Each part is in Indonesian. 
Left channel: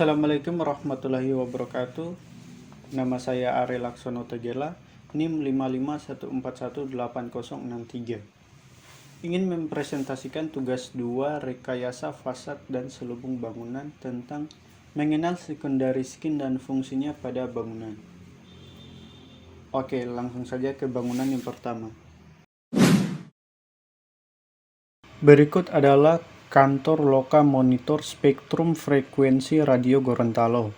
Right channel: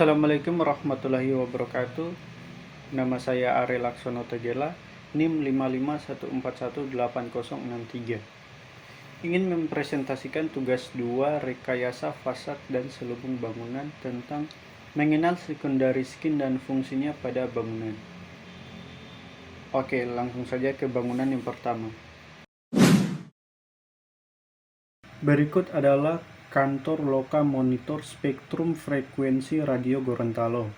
Assalamualaikum warahmatullahi wabarakatuh. Nama saya Ari Laksono Tegela, NIM 5514180063. Ingin mempresentasikan tugas 2 rekayasa fasad dan selubung bangunan tentang mengenal secondary skin dan fungsinya pada bangunan. Oke, langsung saja ke bangunan yang pertama. Berikut adalah kantor Loka Monitor Spektrum Frekuensi Radio Gorontalo.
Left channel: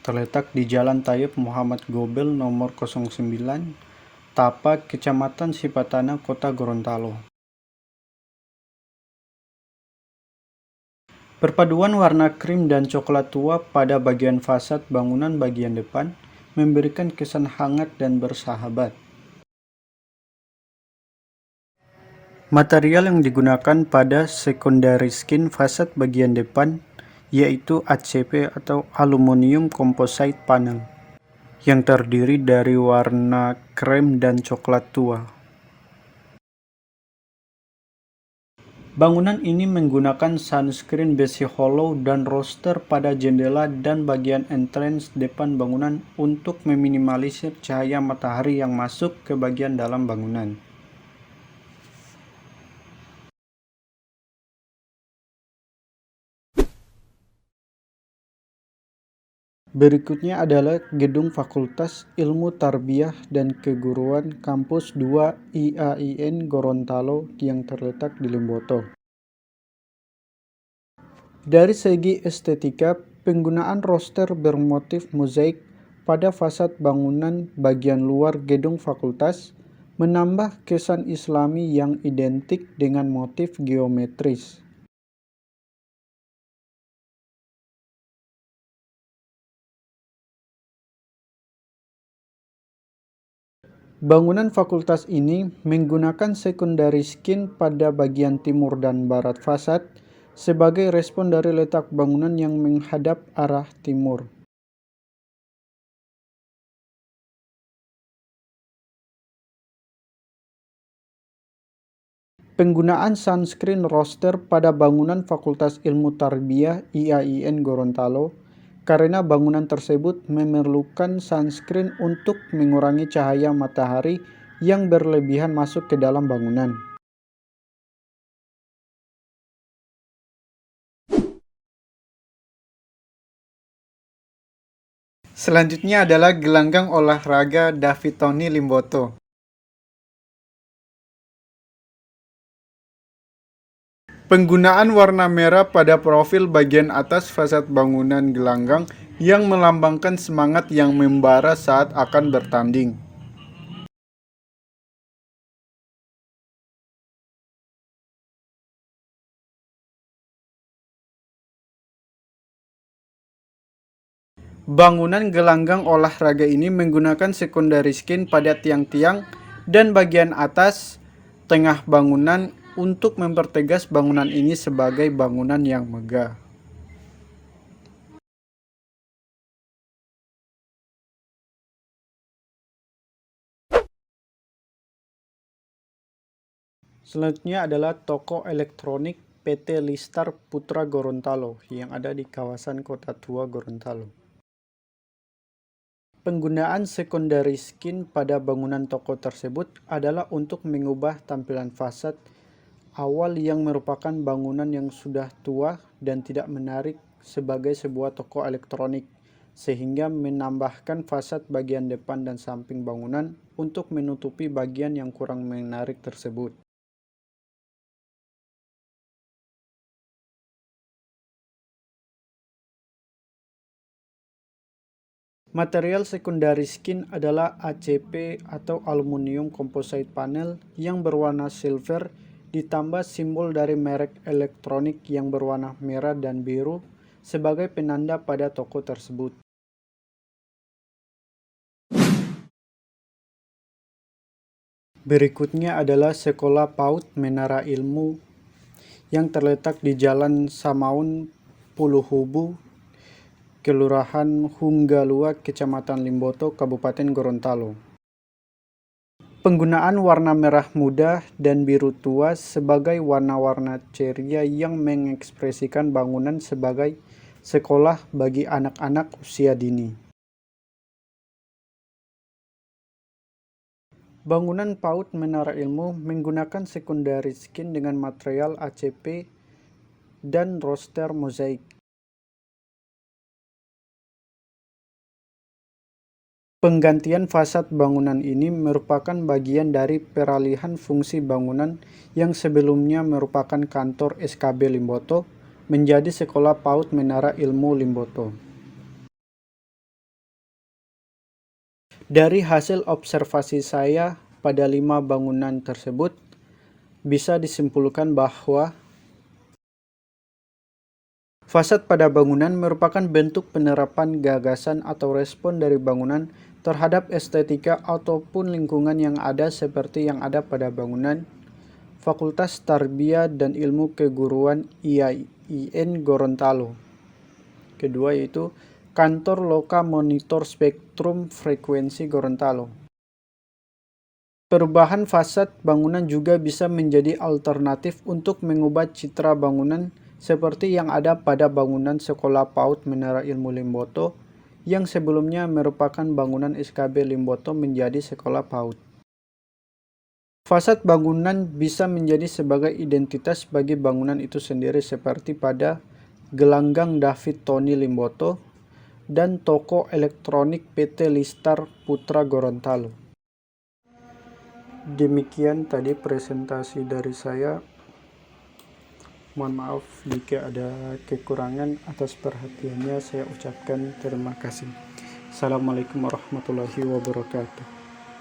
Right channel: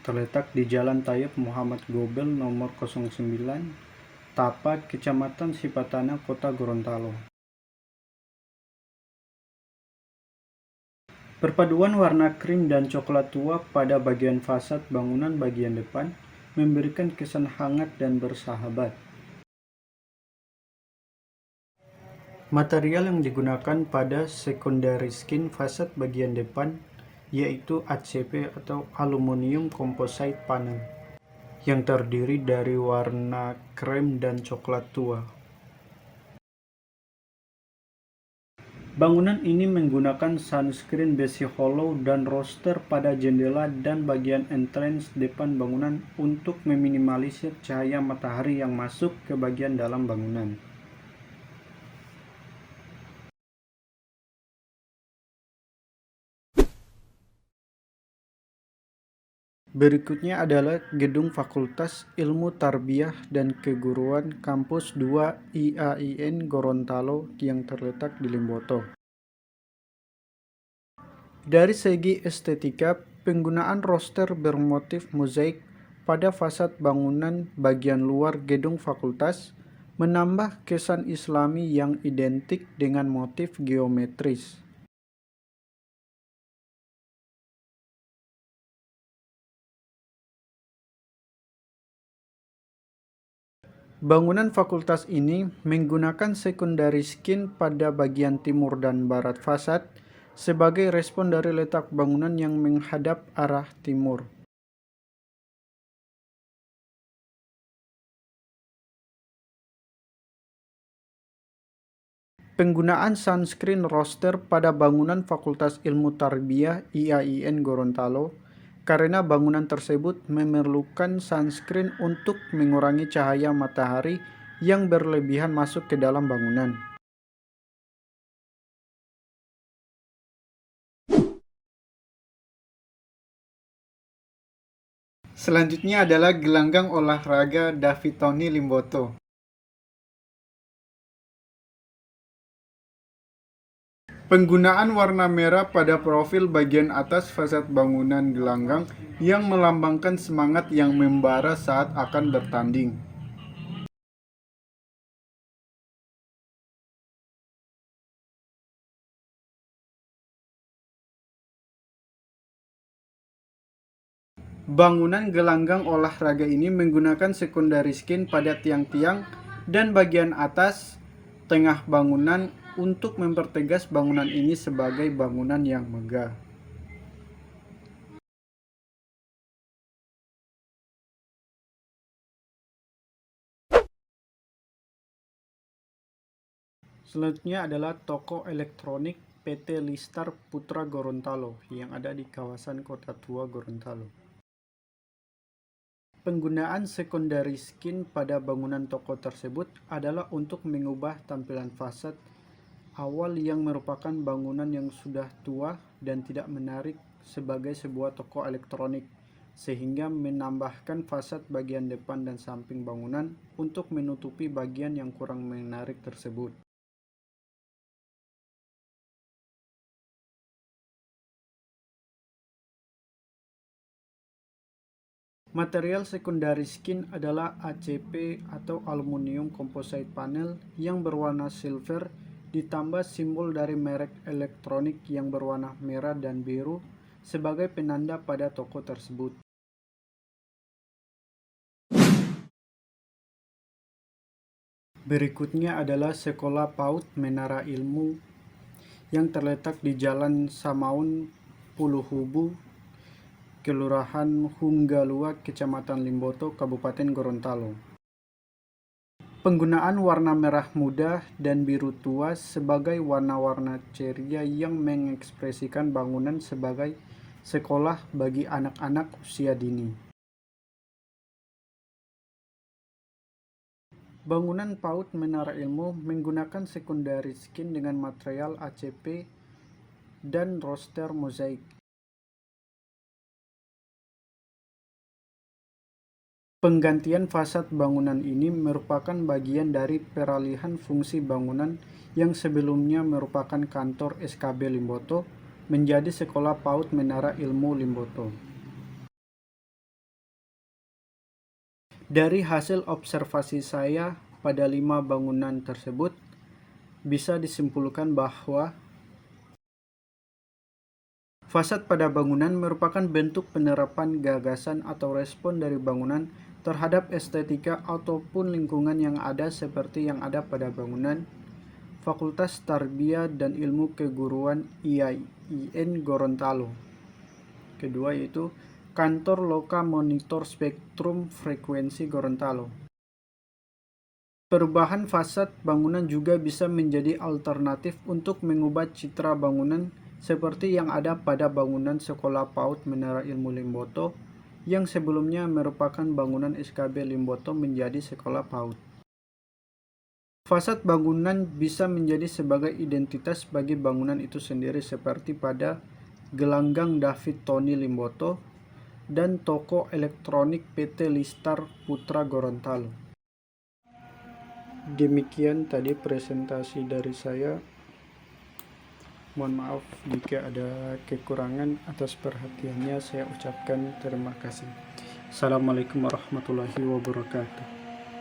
Terletak di Jalan Tayub Muhammad Gobel nomor 09, Tapa, Kecamatan Sipatana, Kota Gorontalo. Perpaduan warna krim dan coklat tua pada bagian fasad bangunan bagian depan memberikan kesan hangat dan bersahabat. Material yang digunakan pada secondary skin fasad bagian depan yaitu ACP atau Aluminium Composite Panel yang terdiri dari warna krem dan coklat tua. Bangunan ini menggunakan sunscreen besi hollow dan roster pada jendela dan bagian entrance depan bangunan untuk meminimalisir cahaya matahari yang masuk ke bagian dalam bangunan. Berikutnya adalah Gedung Fakultas Ilmu Tarbiyah dan Keguruan Kampus 2 IAIN Gorontalo yang terletak di Limboto. Dari segi estetika, penggunaan roster bermotif mozaik pada fasad bangunan bagian luar gedung fakultas menambah kesan Islami yang identik dengan motif geometris. Bangunan fakultas ini menggunakan secondary skin pada bagian timur dan barat fasad sebagai respon dari letak bangunan yang menghadap arah timur. Penggunaan sunscreen roster pada bangunan Fakultas Ilmu Tarbiyah IAIN Gorontalo karena bangunan tersebut memerlukan sunscreen untuk mengurangi cahaya matahari yang berlebihan masuk ke dalam bangunan. Selanjutnya adalah gelanggang olahraga David Tony Limboto. Penggunaan warna merah pada profil bagian atas fasad bangunan gelanggang yang melambangkan semangat yang membara saat akan bertanding. Bangunan gelanggang olahraga ini menggunakan secondary skin pada tiang-tiang dan bagian atas tengah bangunan untuk mempertegas bangunan ini sebagai bangunan yang megah. Selanjutnya adalah toko elektronik PT Listar Putra Gorontalo yang ada di kawasan Kota Tua Gorontalo. Penggunaan secondary skin pada bangunan toko tersebut adalah untuk mengubah tampilan fasad awal yang merupakan bangunan yang sudah tua dan tidak menarik sebagai sebuah toko elektronik, sehingga menambahkan fasad bagian depan dan samping bangunan untuk menutupi bagian yang kurang menarik tersebut. Material secondary skin adalah ACP atau Aluminium Composite Panel yang berwarna silver ditambah simbol dari merek elektronik yang berwarna merah dan biru sebagai penanda pada toko tersebut. Berikutnya adalah Sekolah PAUD Menara Ilmu yang terletak di Jalan Samaun Puluhubu, Kelurahan Hunggalua, Kecamatan Limboto, Kabupaten Gorontalo. Penggunaan warna merah muda dan biru tua sebagai warna-warna ceria yang mengekspresikan bangunan sebagai sekolah bagi anak-anak usia dini. Bangunan PAUD Menara Ilmu menggunakan secondary skin dengan material ACP dan roster mozaik. Penggantian fasad bangunan ini merupakan bagian dari peralihan fungsi bangunan yang sebelumnya merupakan kantor SKB Limboto menjadi Sekolah PAUD Menara Ilmu Limboto. Dari hasil observasi saya pada 5 bangunan tersebut, bisa disimpulkan bahwa fasad pada bangunan merupakan bentuk penerapan gagasan atau respon dari bangunan terhadap estetika ataupun lingkungan yang ada seperti yang ada pada bangunan Fakultas Tarbiyah dan Ilmu Keguruan IAIN Gorontalo. Kedua yaitu Kantor Loka Monitor Spektrum Frekuensi Gorontalo. Perubahan fasad bangunan juga bisa menjadi alternatif untuk mengubah citra bangunan seperti yang ada pada bangunan Sekolah PAUD Menara Ilmu Limboto yang sebelumnya merupakan bangunan SKB Limboto menjadi Sekolah PAUD. Fasad bangunan bisa menjadi sebagai identitas bagi bangunan itu sendiri seperti pada Gelanggang David Tony Limboto dan toko elektronik PT Listar Putra Gorontalo. Demikian tadi presentasi dari saya. Mohon maaf jika ada kekurangan. Atas perhatiannya saya ucapkan terima kasih. Assalamualaikum warahmatullahi wabarakatuh.